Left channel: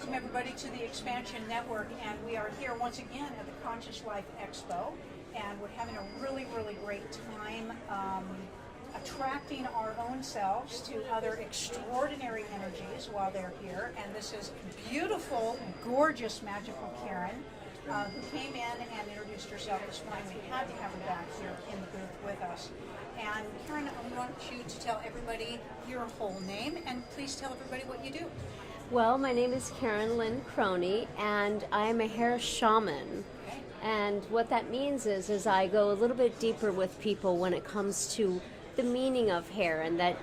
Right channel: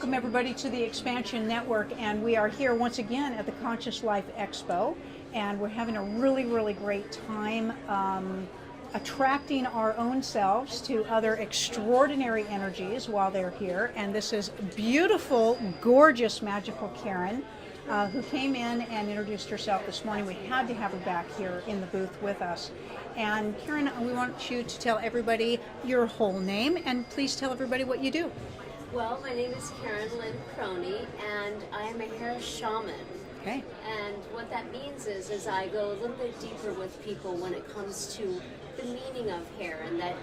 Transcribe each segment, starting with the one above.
welcome everybody to the Xpnsion Network, and we are here once again at the Conscious Life Expo, and we're having a really, really great time attracting our own selves to other extraordinary energies while they're here. And this is beautiful, gorgeous, magical Karen, who came in and introduced herself this morning. We had to have her back here in the booth with us. And Karen, we want you to tell everybody your whole name, and please tell everybody what you do. Well, my name is Karen Lynn Croney, and I am a hair shaman. Okay. And what that means is I go a little bit deeper with people when it comes to the meaning of hair, and that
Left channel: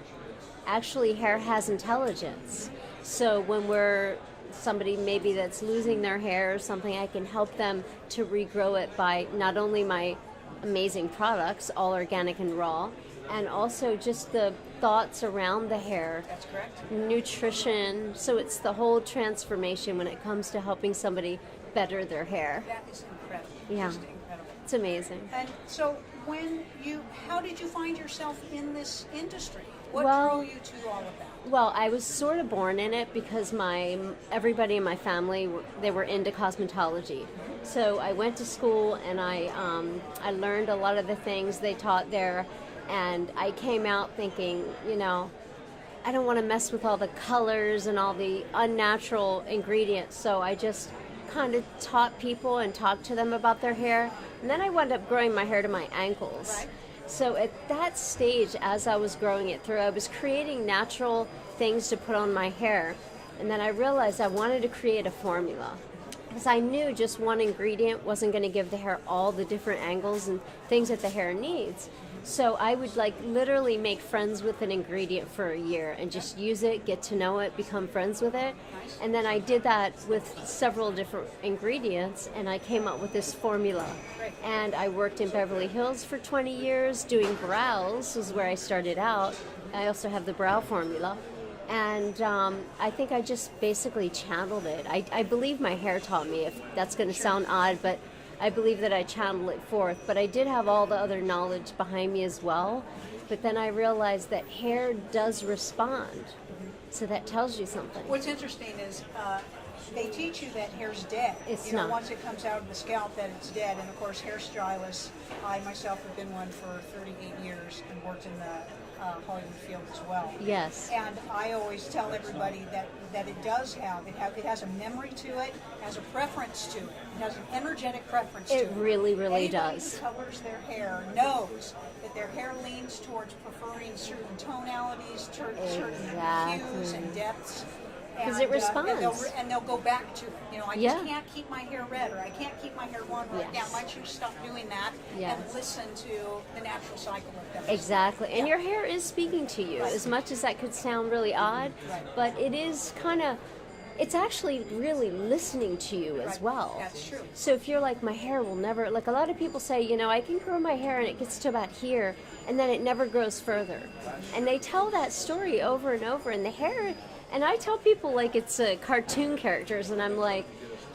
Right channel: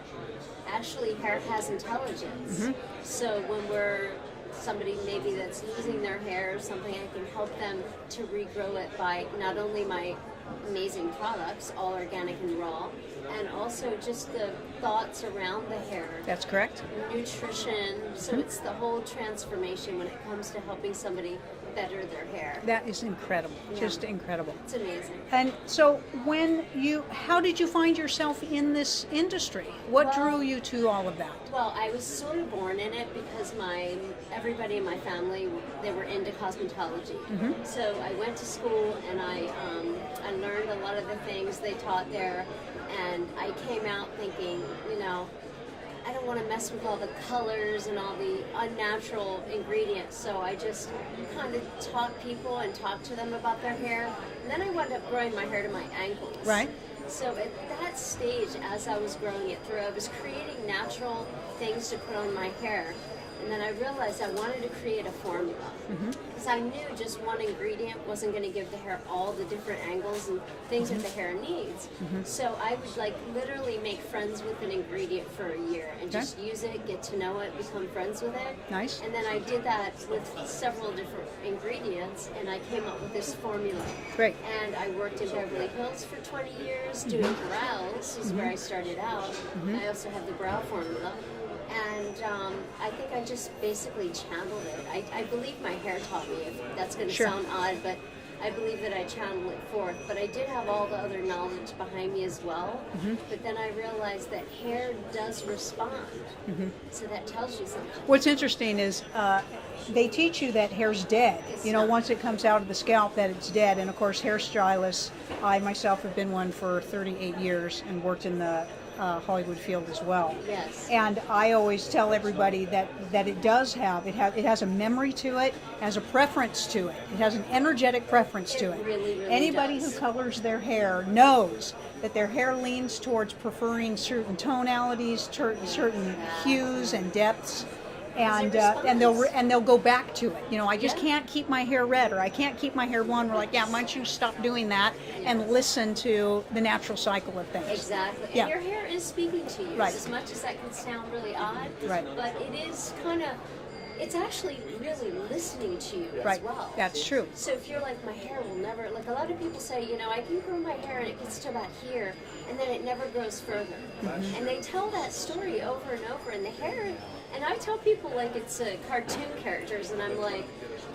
actually hair has intelligence. Mm-hmm. So when we're somebody maybe that's losing their hair or something, I can help them to regrow it by not only my amazing products, all organic and raw, and also just the thoughts around the hair. That's correct. Nutrition. So it's the whole transformation when it comes to helping somebody better their hair. That is incredible. Yeah. Just incredible. It's amazing. And so how did you find yourself in this industry? What drew you to all of that? Well, I was sort of born in it because everybody in my family, they were into cosmetology. Mm-hmm. So I went to school and I learned a lot of the things they taught there. And I came out thinking, I don't want to mess with all the colors and all the unnatural ingredients. So I just kind of taught people and talked to them about their hair. And then I wound up growing my hair to my ankles. Right. So at that stage, as I was growing it through, I was creating natural things to put on my hair. And then I realized I wanted to create a formula. Because I knew just one ingredient wasn't going to give the hair all the different angles and things that the hair needs. So I would literally make friends with an ingredient for a year and just use it, get to know it, become friends with it. Nice. And then I did that with several different ingredients, and I came up with this formula. Great. And I worked in Beverly Hills for 20 years doing brows, is where I started out. I also have the brow formula. And I think I just basically channeled it. I believe my hair taught me, if that's going to sound odd, but I believe that I channeled it forth. But I did have all the other knowledge behind me as well. But then I realized that hair does respond. So that tells you something. What's interesting is they teach you that hair's dead. Once it comes out of the scalp, that it's dead. And of course, hairstylists, I myself have been one for 38 years and worked in the Hollywood field as well. Yes. And I always tell everybody that it does have, it has a memory to it, has a preference to it. It has an energetic preference to it. It really, really Anybody does. who colors their hair knows that their hair leans towards preferring certain tonalities, certain hues and depths. And they'll go back to it. I just can't keep my hair red, or I can't keep my hair blonde. We're like, why don't you stop doing that and listen to the natural cycle of things. Exactly. And your hair is speaking to you, as much as that could sound really odd. Right. But it is it's actually really listening to you as well. That's true. So if you're like, my hair will never, a lot of people say, I can grow my hair and it gets to about here, and then it never grows further. And they tell that story over and over, and the hair. And I tell people like it's cartoon characters, and I'm like,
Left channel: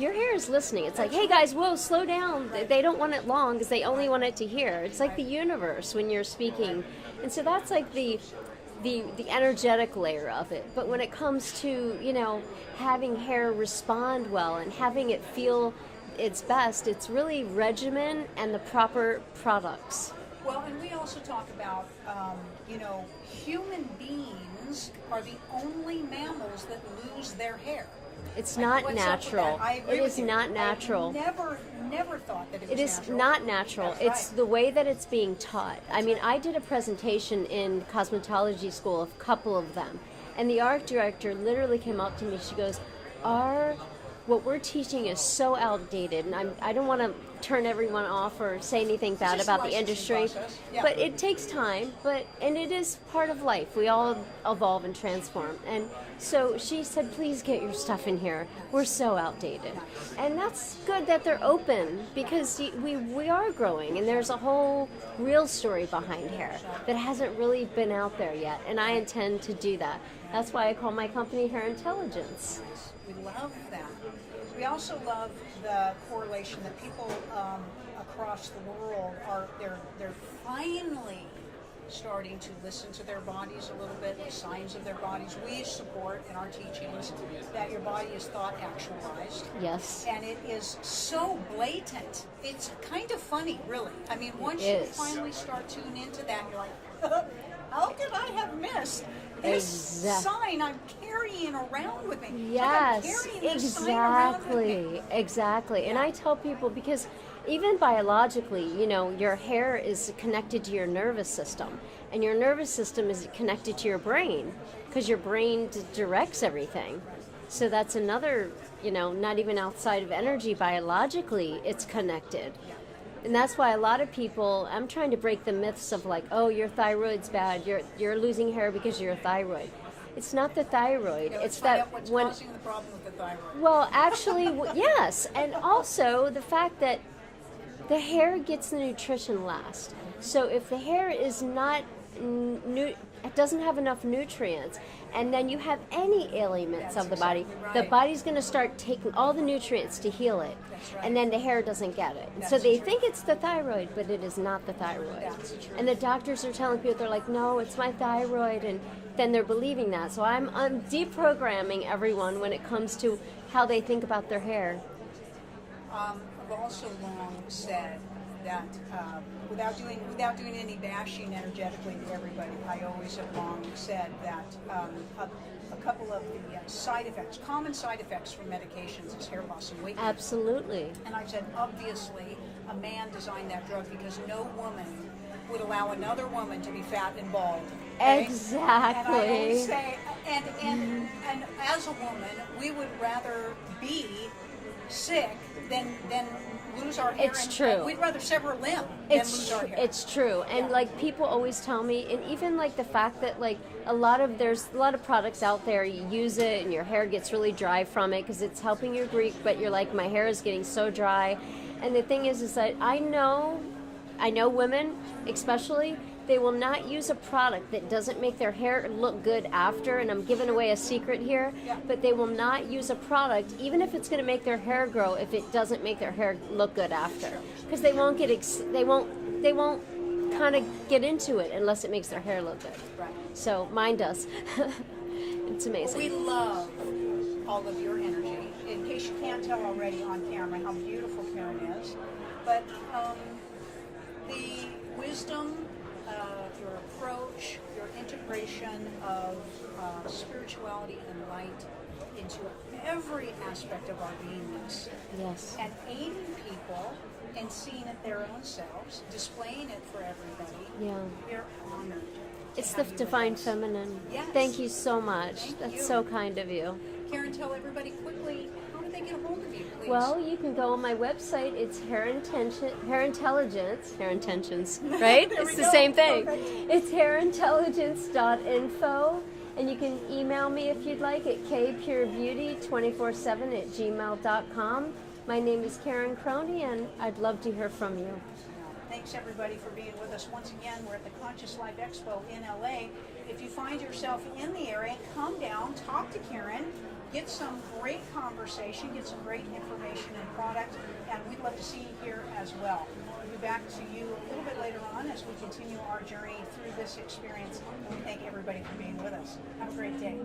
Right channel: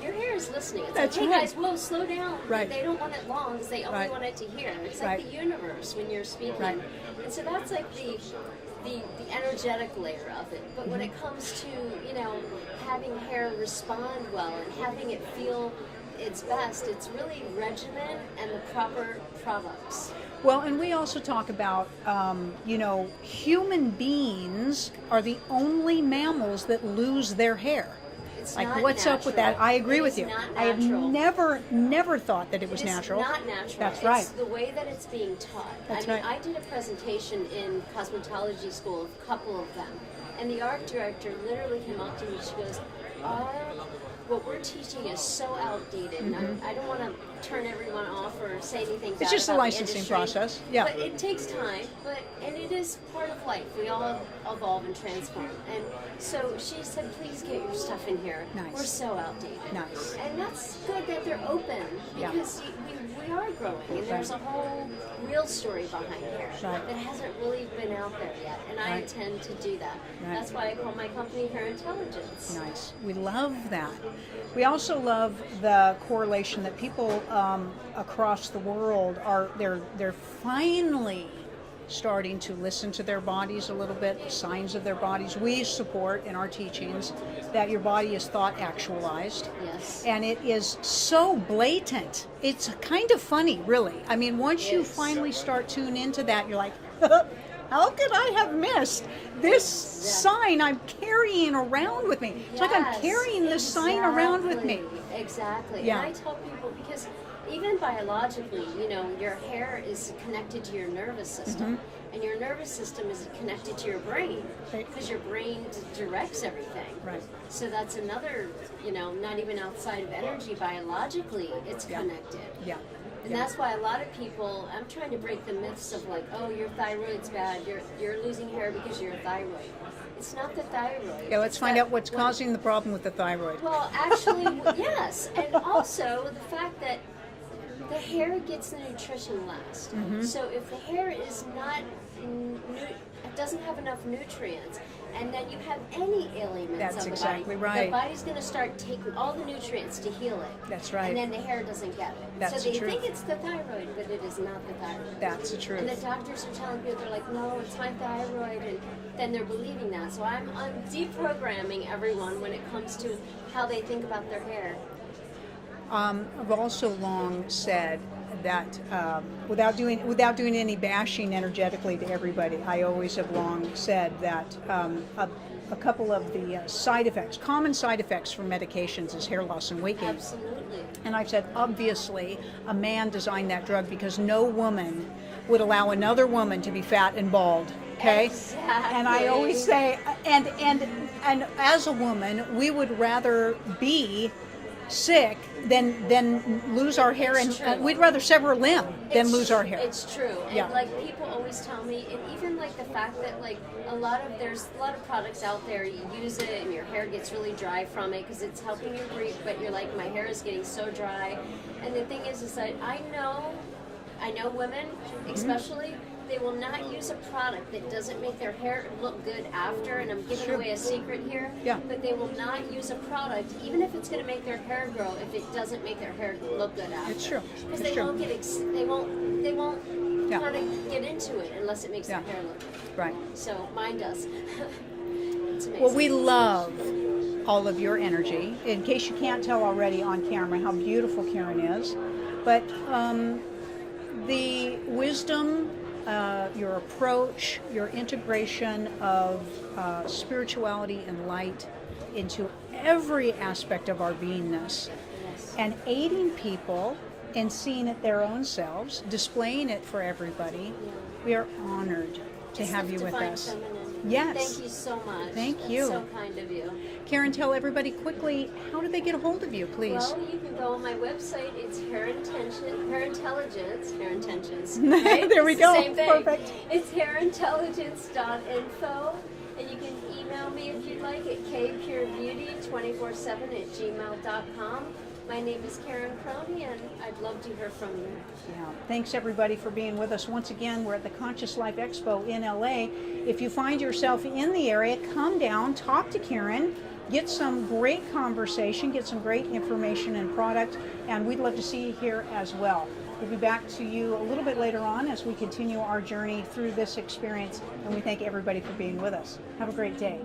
your hair is listening. It's like, hey guys, whoa, slow down. They don't want it long because they only want it to hear. It's like the universe when you're speaking. And so that's like the energetic layer of it. But when it comes to, having hair respond well and having it feel its best, it's really regimen and the proper products. Well, and we also talk about, human beings are the only mammals that lose their hair. It's not what's natural. Up with that? I agree with you. It's not natural. I've never thought that it was natural. It is not natural. That's right. It's the way that it's being taught. I did a presentation in cosmetology school, a couple of them, and the art director literally came up to me. She goes, what we're teaching is so outdated, and I don't want to turn everyone off or say anything bad about the industry. Process. Yeah. But it takes time, and it is part of life. We all evolve and transform. And so she said, please get your stuff in here. Nice. We're so outdated. Nice. And that's good that they're open, because we are growing, and there's a whole real story behind hair that hasn't really been out there yet. And I intend to do that. That's why I call my company HairIntelligence. Nice. We love that. We also love the correlation that people across the world they're finally starting to listen to their bodies a little bit, signs of their bodies. We support in our teachings that your body is thought actualized. Yes. And it is so blatant. It's kind of funny, really. I mean, once you finally start tuning into that, you're like, how could I have missed this sign I'm carrying around with me? It's like I'm carrying this sign around with me. Exactly. Yeah. And I tell people, because even biologically, you know, your hair is connected to your nervous system, and your nervous system is connected to your brain, because your brain directs everything. Right. So that's another, you know, not even outside of energy, biologically, it's connected. Yeah. And that's why a lot of people, I'm trying to break the myths of like, oh, your thyroid's bad, you're losing hair because of your thyroid. It's not the thyroid. Yeah, let's find out what's causing the problem with the thyroid. Well, actually, yes. And also the fact that the hair gets the nutrition last. So if the hair is not, it doesn't have enough nutrients, and then you have any ailments of the body, the body's going to start taking all the nutrients to heal it. That's right. And then the hair doesn't get it. So they think it's the thyroid, but it is not the thyroid. That's the truth. And the doctors are telling people, they're like, no, it's my thyroid, and then they're believing that. So I'm deprogramming everyone when it comes to how they think about their hair. I've also long said that without doing any bashing energetically to everybody, I always have long said that a couple of the common side effects from medications is hair loss and weight gain. Absolutely. And I've said, obviously, a man designed that drug because no woman would allow another woman to be fat and bald. Okay? Exactly. And I always say, and as a woman, we would rather be sick than lose our hair. It's true. We'd rather sever a limb than lose our hair. It's true. And like people always tell me, and even like the fact that like there's a lot of products out there, you use it and your hair gets really dry from it because it's helping you breathe, but you're like, my hair is getting so dry. And the thing is that I know women especially, they will not use a product that doesn't make their hair look good after, and I'm giving away a secret here, but they will not use a product, even if it's going to make their hair grow, if it doesn't make their hair look good after. It's true. Because they won't kind of get into it unless it makes their hair look good. Right. So mine does. It's amazing. Well, we love all of your energy. In case you can't tell already on camera how beautiful Karen is, but the wisdom, your approach, your integration of spirituality and light into every aspect of our beingness, and aiding people in seeing it their own selves, displaying it for everybody. We are honored to have you with us. It's the Divine Feminine. Yes. Thank you so much. Thank you. That's so kind of you. Karen, tell everybody quickly, how do they get a hold of you, please? Well, you can go on my website. It's HairIntelligence, right? There we go. It's the same thing. Perfect. It's HairIntelligence.info. And you can email me if you'd like at kpurebeauty247@gmail.com. My name is Karen Croney, and I'd love to hear from you. Thanks everybody for being with us. Once again, we're at the Conscious Life Expo in LA. If you find yourself in the area, come down, talk to Karen, get some great conversation, get some great information and product, and we'd love to see you here as well. We'll be back to you a little bit later on as we continue our journey through this experience, and we thank everybody for being with us. Have a great day.